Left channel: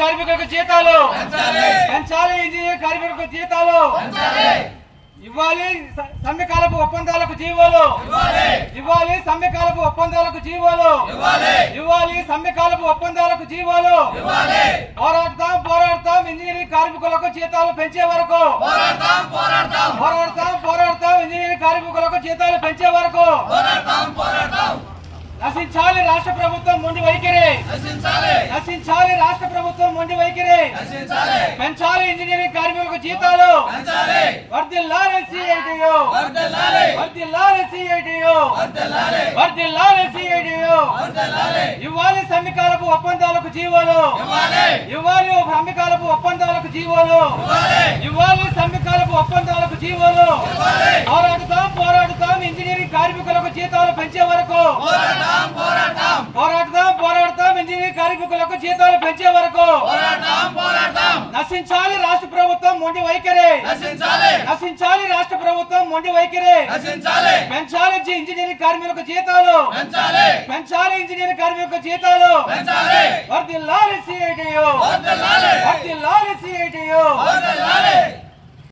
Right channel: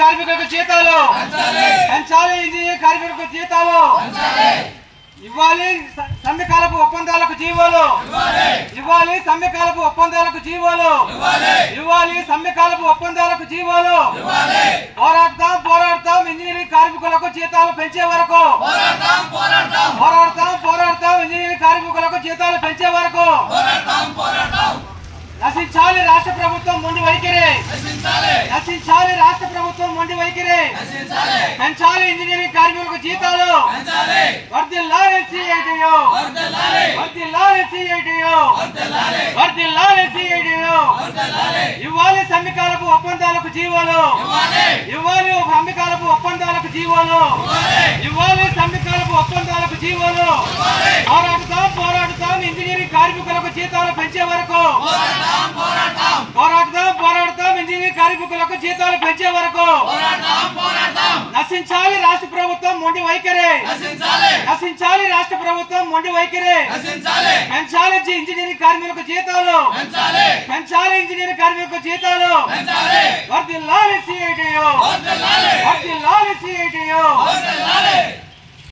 కార్మికులకు జీతాలు పెంచాలి, ఇంజనీరింగ్ కార్మికులకు జీతాలు ఇవ్వాలి, సమ్మెకాలపు ఒప్పందాలకు జీవోలు ఇవ్వాలి, సమ్మెకాలపు ఒప్పందాలకు జీవోలు ఇవ్వాలి, సమ్మెకాలపు ఒప్పందాలకు జీవోలు పోరాడతాం ఇంజనీరింగ్ కార్మికులకు జీతాలు పెంచే వరకు పోరాడతాం ఇంజనీరింగ్ కార్మికులకు జీతాలు పెంచే వరకు నశించాలి రాష్ట్ర ప్రభుత్వం మొండి వైఖరి నశించాలి రాష్ట్ర ప్రభుత్వం మొండి వైఖరి పెంచాలి ఇంజనీరింగ్ కార్మికులకు జీతాలు వర్ధిల్లాలి సిఐటియు వర్ధిల్లాలి సిఐటియు వర్ధిల్లాలి సిఐటియు ఇవ్వాలి సమ్మెకాలపు ఒప్పందాలకు జీవోలు ఇవ్వాలి సమ్మెకాలపు ఒప్పందాలకు జీవోలు ఇవ్వాలి సమ్మెకాలపు ఒప్పందాలకు జీవోలు పోరాడుతాం ఇంజనీరింగ్ కార్మికులకు జీతాలు పెంచే వరకు పోరాడతాం ఇంజనీరింగ్ కార్మికులకు జీతాలు పెంచే వరకు నశించాలి రాష్ట్ర ప్రభుత్వం మొండి వైఖరి నశించాలి రాష్ట్ర ప్రభుత్వం మొండి వైఖరి పెంచాలి ఇంజనీరింగ్ కార్మికులకు జీతాలు పెంచాలి ఇంజనీరింగ్ కార్మికులకు జీతాలు వర్ధిల్లాలి సిఐటియు వర్ధిల్లాలి సిఐటియు